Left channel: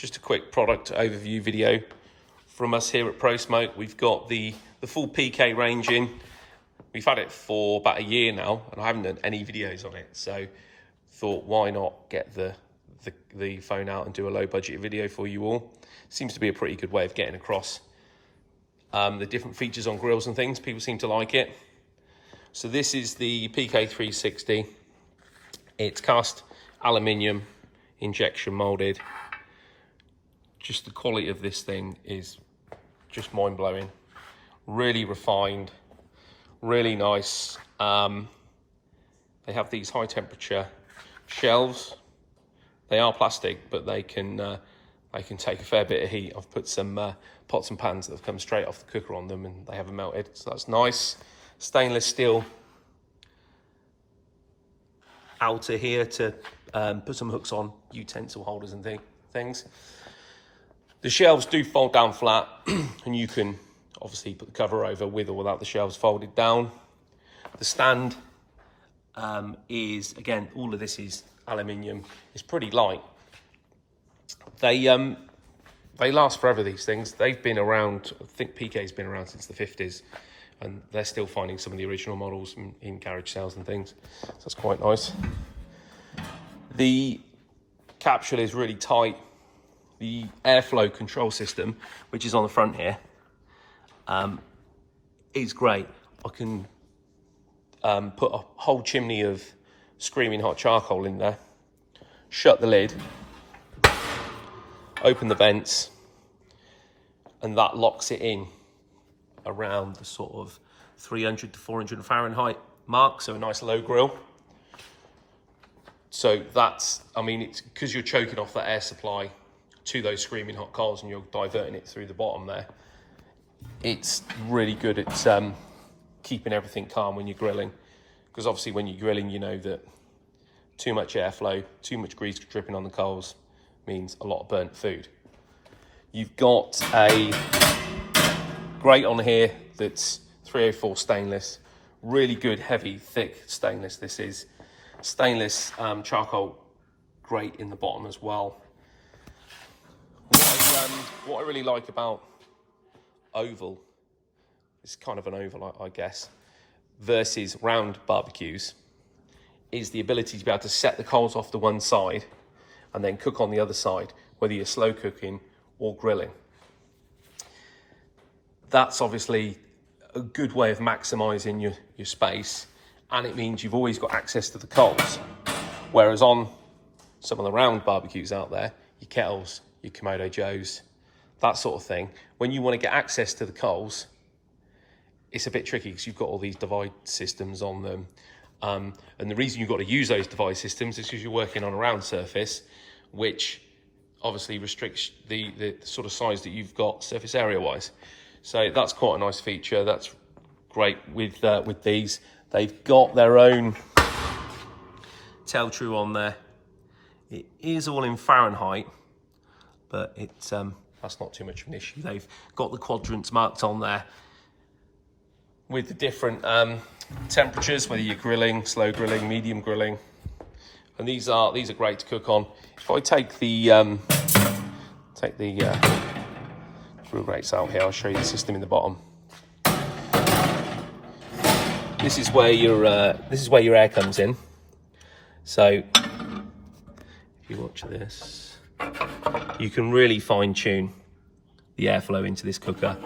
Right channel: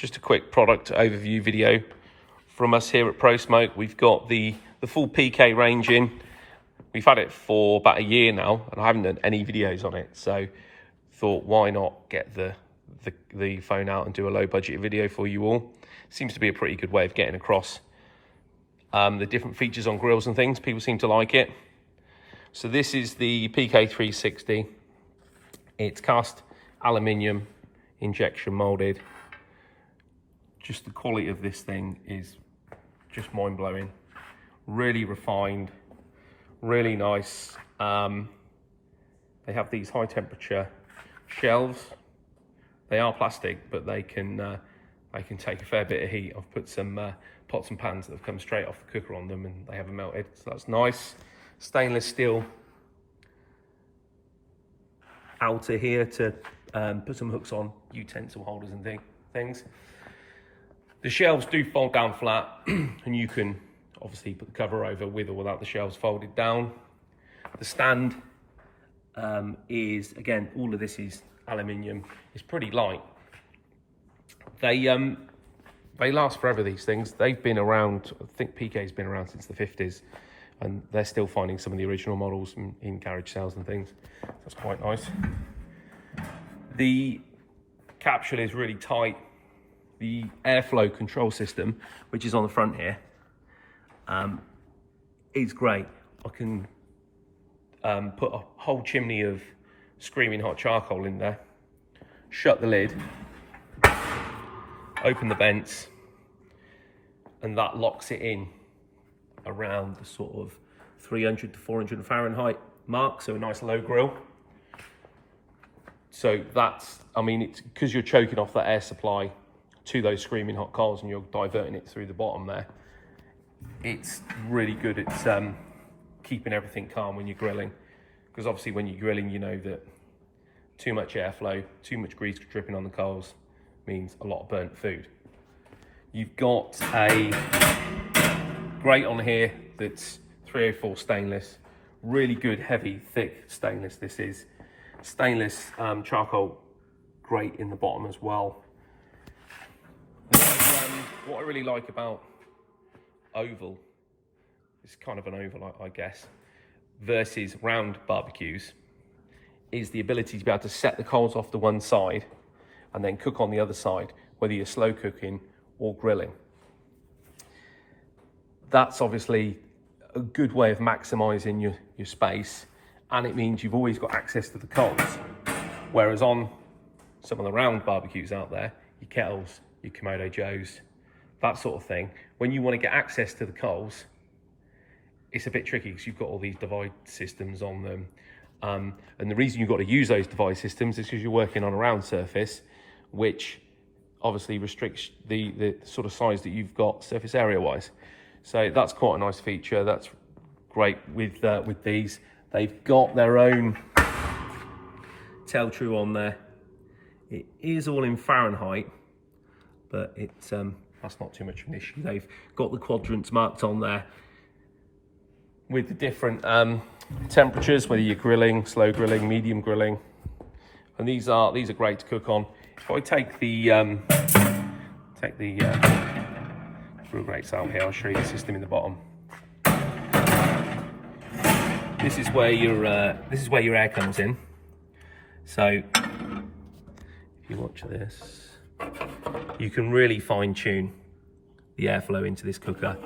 just a quick product overview video from us here at Pro Smoke. We've got the full PK range in. We've had it for about a year now, and I haven't done any videos on it. So thought, why not get the phone out and do a low budget video for you all. Seems to be a pretty good way of getting across the different features on grills and things. People seem to like it. So this is the PK360. It's cast aluminium, injection molded. Just the quality of this thing is just mind-blowing. Really refined, really nice. They have these high temperature shelves. They are plastic, but they can take a fair bit of heat. I've put some pots and pans that have come straight off the cooker on them, and they haven't melted, so that's nice. Stainless steel outer here to put some hooks on, utensil holders and things. The shelves do fold down flat, and you can obviously put the cover over with or without the shelves folded down. The stand is, again, all of this is aluminium. It's pretty light. They last forever, these things. They've been around, I think PK's been around since the 50s, and they're still finding some of the original models in garage sales and things. So that's quite nice. The capsule is really tight. The airflow control system, which is on the front here, is great. I can put a whole chimney of screaming hot charcoal in there, shut the lid, open the vents, and that locks it in around the sort of 300 to 400 Fahrenheit mark, so a nice low grill. So that's, I mean, it's because you're choking off that air supply to those screaming hot coals and you're diverting it through the bottom there. It's really good at keeping everything calm when you're grilling, because obviously when you're grilling, you know that too much airflow, too much grease dripping on the coals means a lot of burnt food. You've got a grate on here that's 304 stainless, really good, heavy, thick stainless. This is stainless charcoal grate in the bottom as well. What I really like about oval, it's kind of an oval, I guess, versus round barbecues, is the ability to be able to set the coals off to one side and then cook on the other side, whether you're slow cooking or grilling. That's obviously a good way of maximising your space, and it means you've always got access to the coals. Whereas on some of the round barbecues out there, your Kettles, your Kamado Joes, that sort of thing, when you want to get access to the coals, it's a bit tricky because you've got all these divide systems on them. And the reason you've got to use those divide systems is because you're working on a round surface, which obviously restricts the sort of size that you've got surface area wise. So that's quite a nice feature. That's great with these. They've got their own tell true on there. It is all in Fahrenheit, but it's that's not too much of an issue. They've got the quadrants marked on there with the different temperatures, whether you're grilling, slow grilling, medium grilling, and these are great to cook on. If I take the grill grates out here, I'll show you the system in the bottom. This is where your air comes in. So if you watch this, you can really fine tune the airflow into this cooker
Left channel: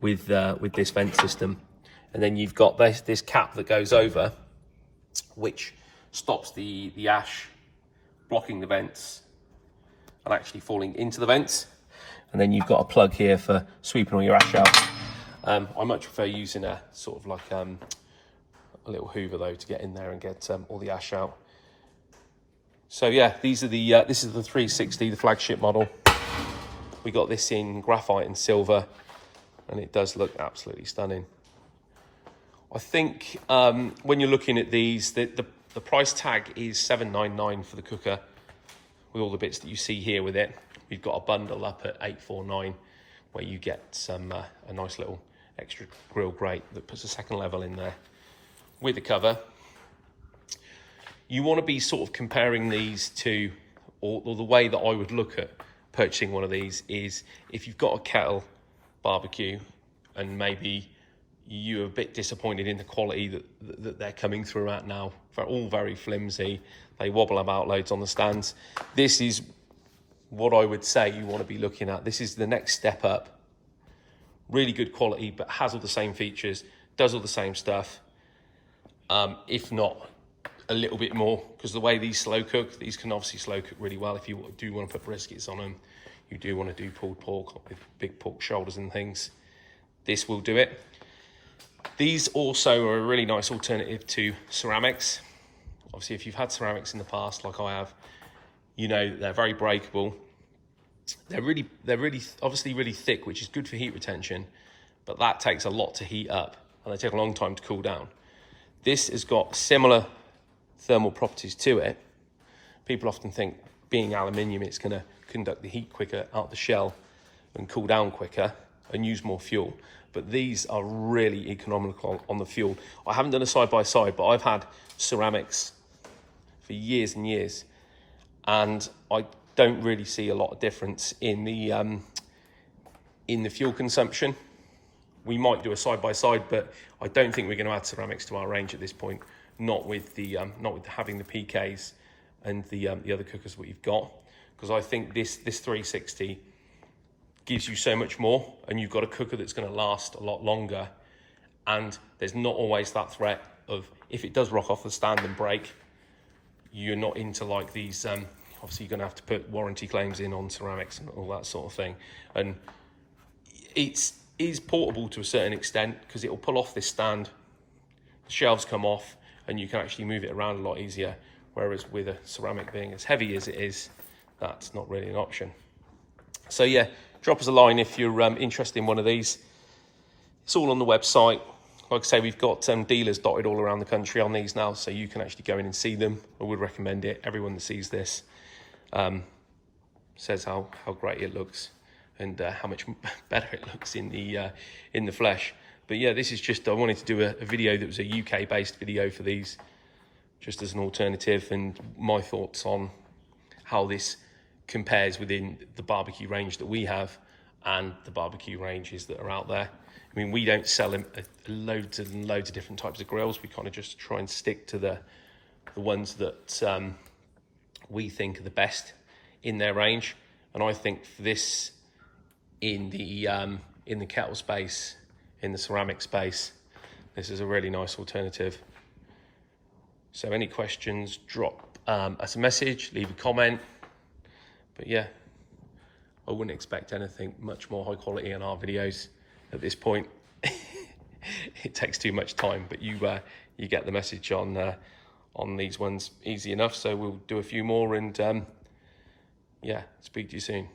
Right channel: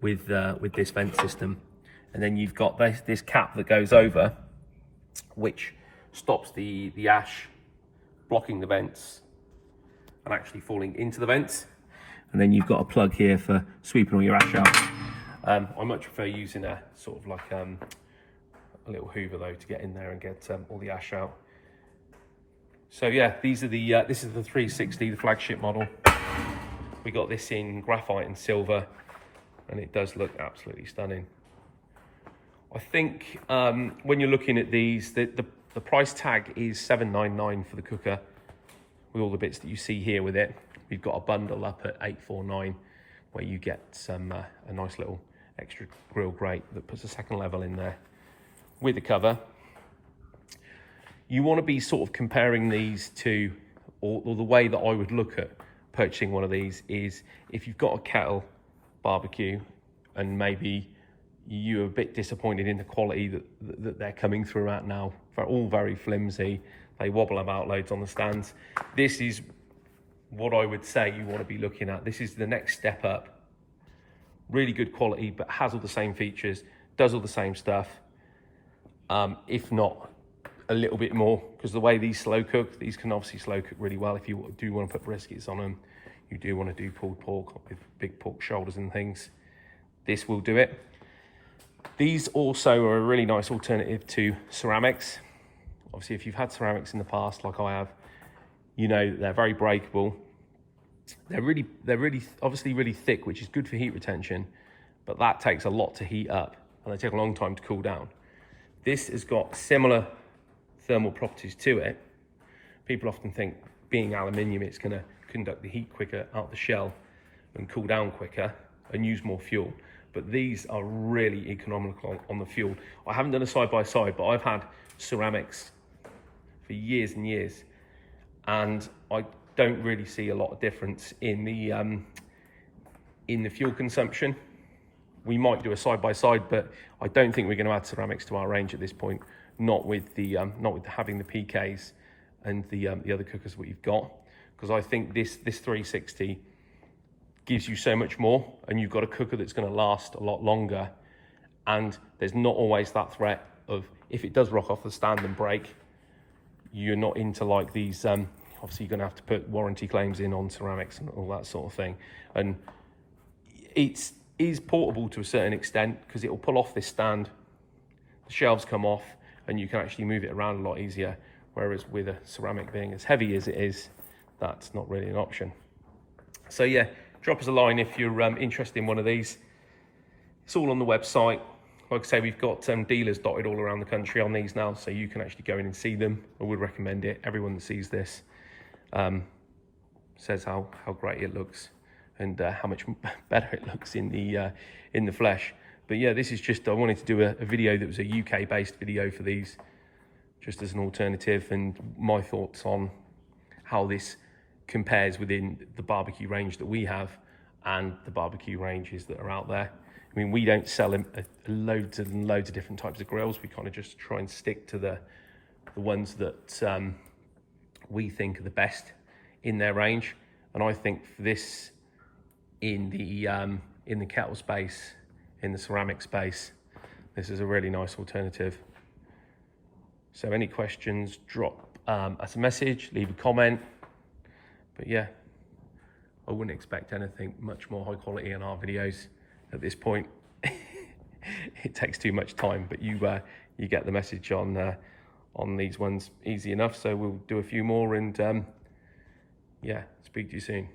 with this vent system. And then you've got this cap that goes over, which stops the ash blocking the vents and actually falling into the vents. And then you've got a plug here for sweeping all your ash out. I much prefer using a sort of like a little hoover though to get in there and get all the ash out. So yeah, these are this is the 360, the flagship model. We got this in graphite and silver, and it does look absolutely stunning. I think when you're looking at these, the price tag is $799 for the cooker with all the bits that you see here with it. We've got a bundle up at $849 where you get some a nice little extra grill grate that puts a second level in there with the cover. You want to be sort of comparing these to, or the way that I would look at purchasing one of these is if you've got a Kettle barbecue and maybe you're a bit disappointed in the quality that they're coming through at now. They're all very flimsy. They wobble about loads on the stands. This is what I would say you want to be looking at. This is the next step up. Really good quality, but has all the same features, does all the same stuff. If not a little bit more, because the way these slow cook, these can obviously slow cook really well. If you do want to put briskets on them, you do want to do pulled pork with big pork shoulders and things, this will do it. These also are a really nice alternative to ceramics. Obviously, if you've had ceramics in the past, like I have, you know they're very breakable. They're really obviously really thick, which is good for heat retention, but that takes a lot to heat up and they take a long time to cool down. This has got similar thermal properties to it. People often think being aluminium, it's going to conduct the heat quicker out the shell and cool down quicker and use more fuel. But these are really economical on the fuel. I haven't done a side-by-side, but I've had ceramics for years and years, and I don't really see a lot of difference in the fuel consumption. We might do a side-by-side, but I don't think we're going to add ceramics to our range at this point. Not with having the PKs and the other cookers that you've got, because I think this 360 gives you so much more, and you've got a cooker that's going to last a lot longer, and there's not always that threat of, if it does rock off the stand and break, you're not into like these obviously you're going to have to put warranty claims in on ceramics and all that sort of thing. And it is portable to a certain extent, because it'll pull off this stand, the shelves come off, and you can actually move it around a lot easier, whereas with a ceramic being as heavy as it is, that's not really an option. So yeah, drop us a line if you're interested in one of these. It's all on the website. Like I say, we've got dealers dotted all around the country on these now, so you can actually go in and see them. I would recommend it. Everyone that sees this says how great it looks and how much better it looks in the flesh. But yeah, this is just, I wanted to do a video that was a UK-based video for these, just as an alternative, and my thoughts on how this compares within the barbecue range that we have and the barbecue ranges that are out there. I mean, we don't sell loads and loads of different types of grills. We kind of just try and stick to the ones that we think are the best in their range. And I think for this, in the kettle space, in the ceramic space, this is a really nice alternative. So any questions, drop us a message, leave a comment. But yeah, I wouldn't expect anything much more high quality in our videos at this point. It takes too much time, but you get the message on these ones easy enough. So we'll do a few more, and yeah, speak to you soon.